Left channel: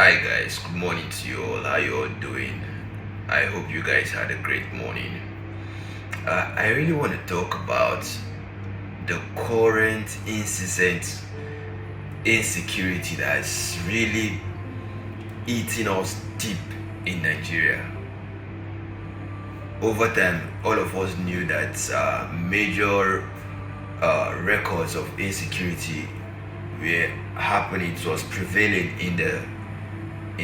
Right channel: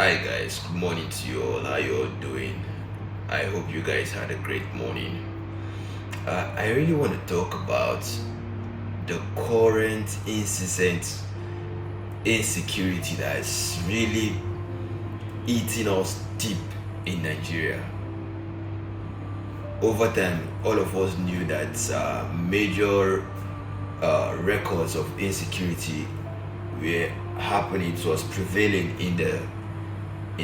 Hi guys, good morning to you all. How you all doing? I hope you guys had a great morning. I really want to talk about the current incessant insecurity that's really eating us deep in Nigeria. Over time, all of us knew that major records of insecurity were happening. It was prevailing in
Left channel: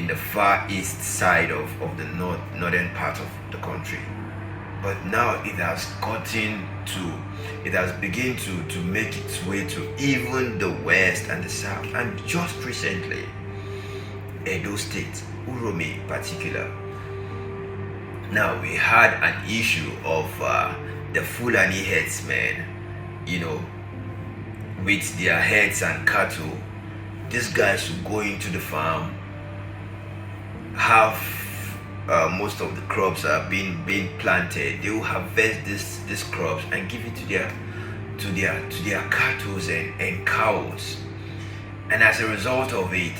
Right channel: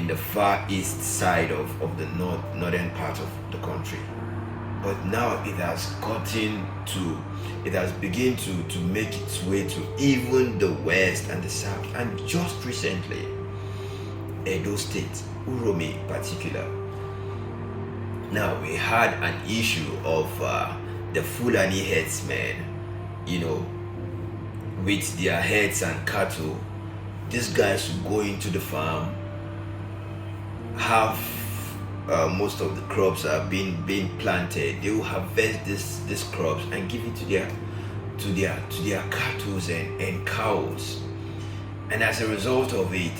the far east side of the northern part of the country, but now it has begun to make its way to even the west and the south. And just recently, Edo State, Uromi in particular, now we had an issue of the Fulani herdsmen, with their herds and cattle. These guys would go into the farm, have most of the crops are being planted. They will harvest these crops and give it to their cattle and cows. And as a result of it,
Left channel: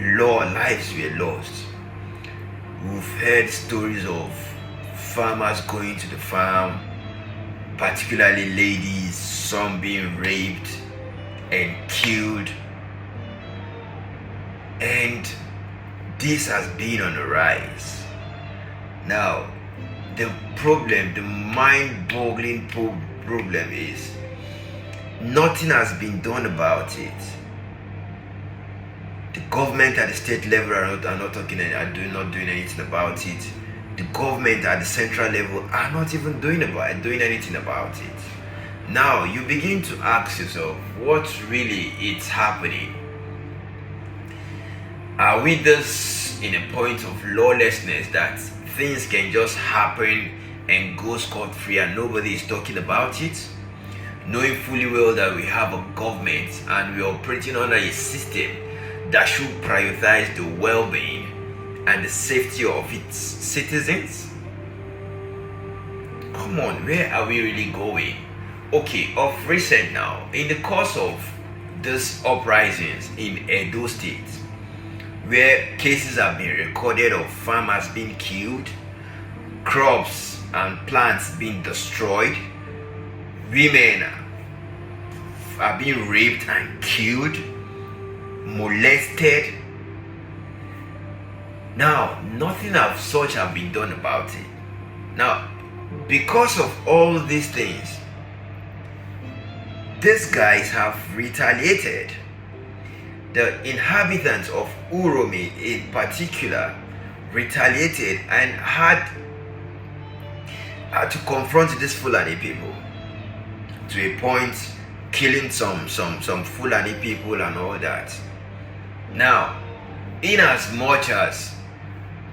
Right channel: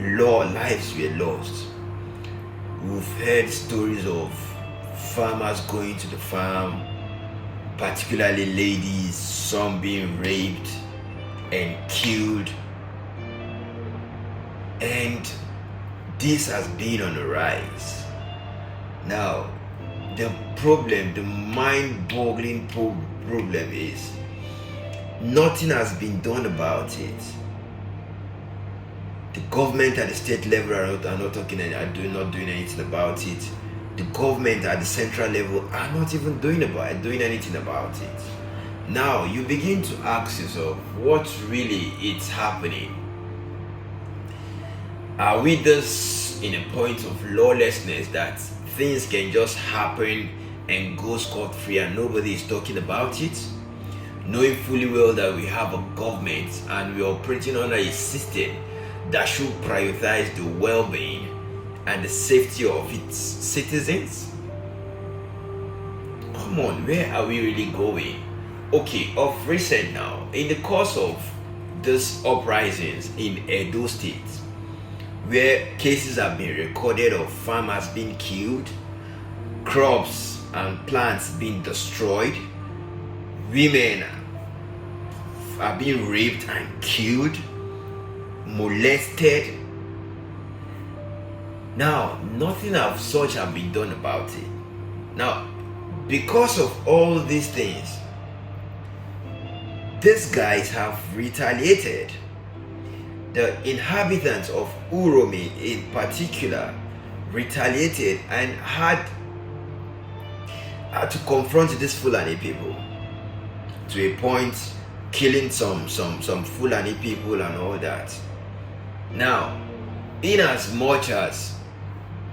lives were lost. We've heard stories of farmers going to the farm, particularly ladies, some being raped and killed. And this has been on the rise. Now, the mind-boggling problem is nothing has been done about it. The government at the state level are not doing anything about it. The government at the central level are not even doing anything about it. Now, you begin to ask yourself, what really is happening? Are we just in a point of lawlessness that things can just happen and go scot-free and nobody is talking about it? Knowing fully well that we have a government and we're operating under a system that should prioritize the well-being and the safety of its citizens? Come on, where are we really going? Okay, of recent now, in the course of these uprisings in Edo State, where cases have been recorded of farmers being killed, crops and plants being destroyed, women are being raped and killed, molested. Now, nothing of such have been done about it. Now, because of all these things, these guys have retaliated. The inhabitants of Uromi in particular retaliated and had to confront these Fulani people, to a point killing some Fulani people and all that. Now, in as much as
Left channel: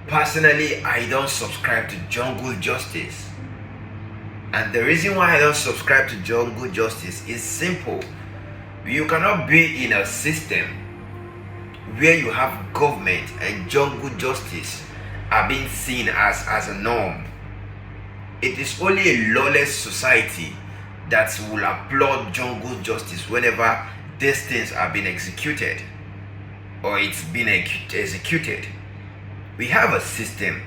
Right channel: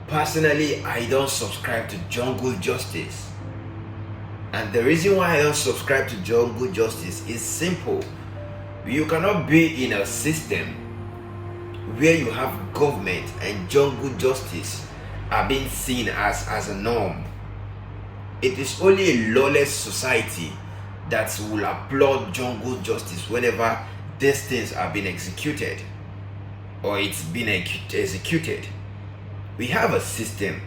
personally I don't subscribe to jungle justice, and the reason why I don't subscribe to jungle justice is simple. You cannot be in a system where you have government and jungle justice are being seen as a norm. It is only a lawless society that will applaud jungle justice whenever these things are being executed or it's been executed. We have a system,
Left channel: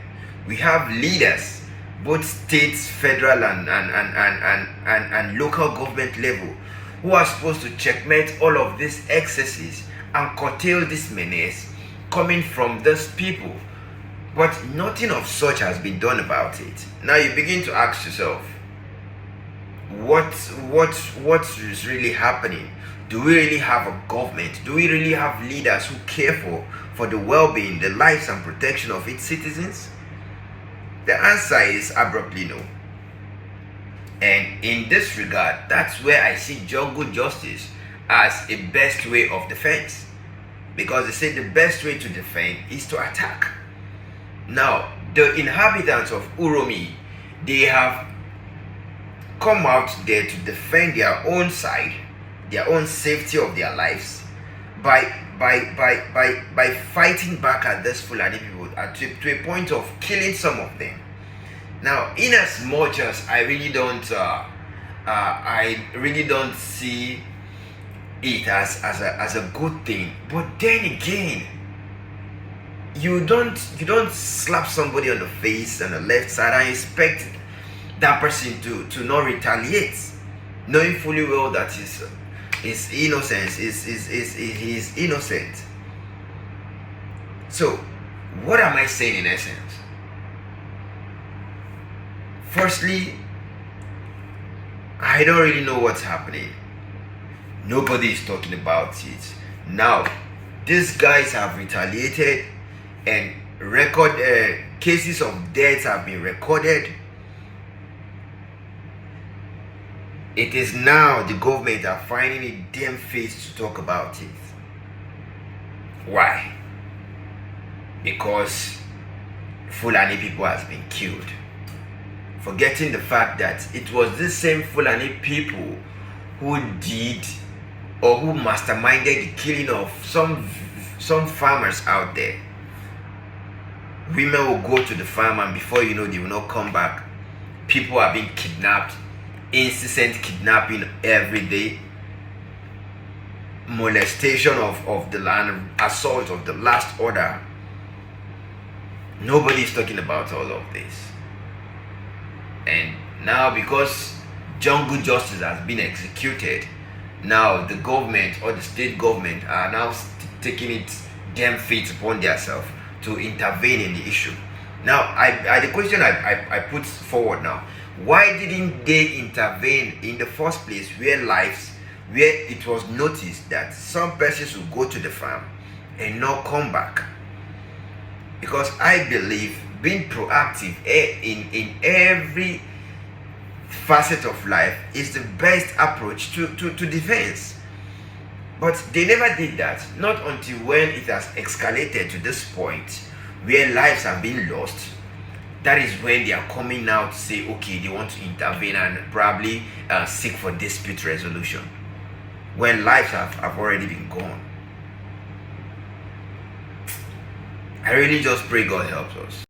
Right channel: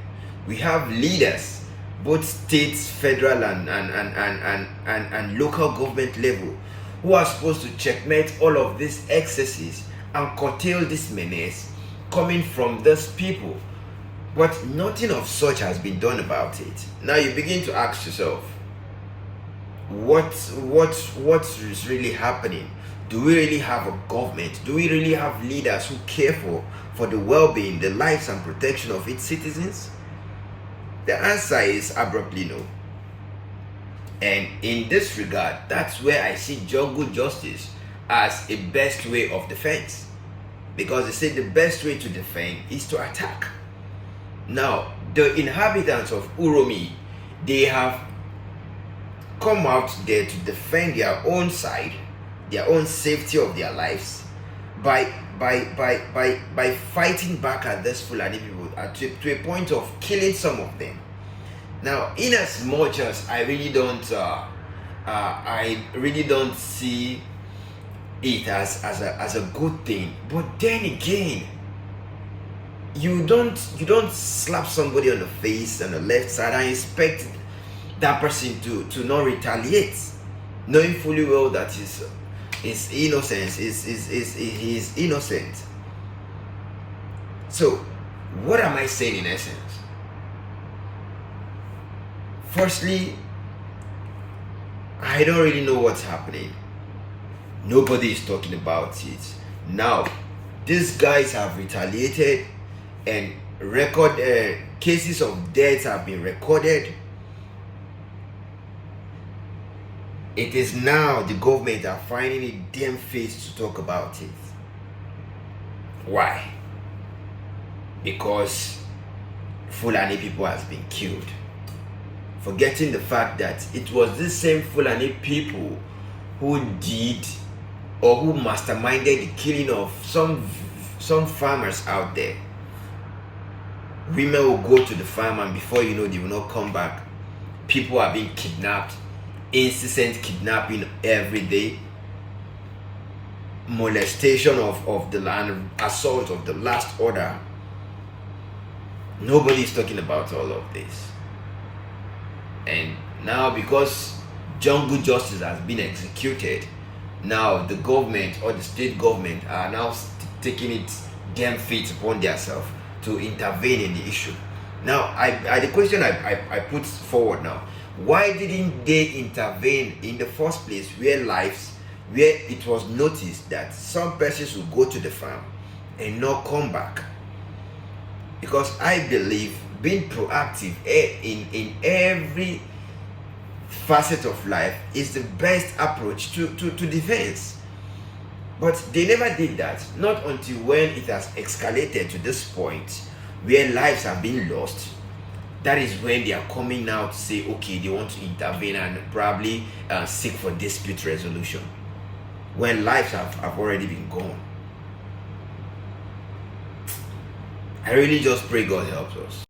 we have leaders, both states, federal and local government level, who are supposed to checkmate all of these excesses and curtail this menace coming from these people. But nothing of such has been done about it. Now you begin to ask yourself, what is really happening? Do we really have a government? Do we really have leaders who care for the well-being, the lives and protection of its citizens? The answer is abruptly no. And in this regard, that's where I see jungle justice as a best way of defense. Because they say the best way to defend is to attack. Now, the inhabitants of Uromi, they have come out there to defend their own side, their own safety of their lives, by fighting back at these Fulani people to a point of killing some of them. Now, in as much as I really don't see it as a good thing, but then again, You don't slap somebody on the face on the left side and expect that person to not retaliate, knowing fully well that his innocence is innocent. So what am I saying in essence? Firstly, I don't really know what's happening. Nobody is talking about it. Now, these guys have retaliated and cases of deaths have been recorded. It is now the government are finding it damn fit to talk about it. Why? Because Fulani people has been killed. Forgetting the fact that it was the same Fulani people who did or who masterminded the killing of some farmers out there. Women will go to the farm and before you know they will not come back. People are being kidnapped, incessant kidnapping every day, molestation of the land, assault of the last order. Nobody is talking about all of this. And now because jungle justice has been executed, now the government or the state government are now taking it damn feet upon themselves to intervene in the issue. Now, the question I put forward now, why didn't they intervene in the first place where it was noticed that some persons will go to the farm and not come back? Because I believe being proactive in every facet of life is the best approach to defense. But they never did that, not until when it has escalated to this point where lives have been lost. That is when they are coming out to say, okay, they want to intervene and probably seek for dispute resolution, when lives have already been gone. I really just pray God helps us.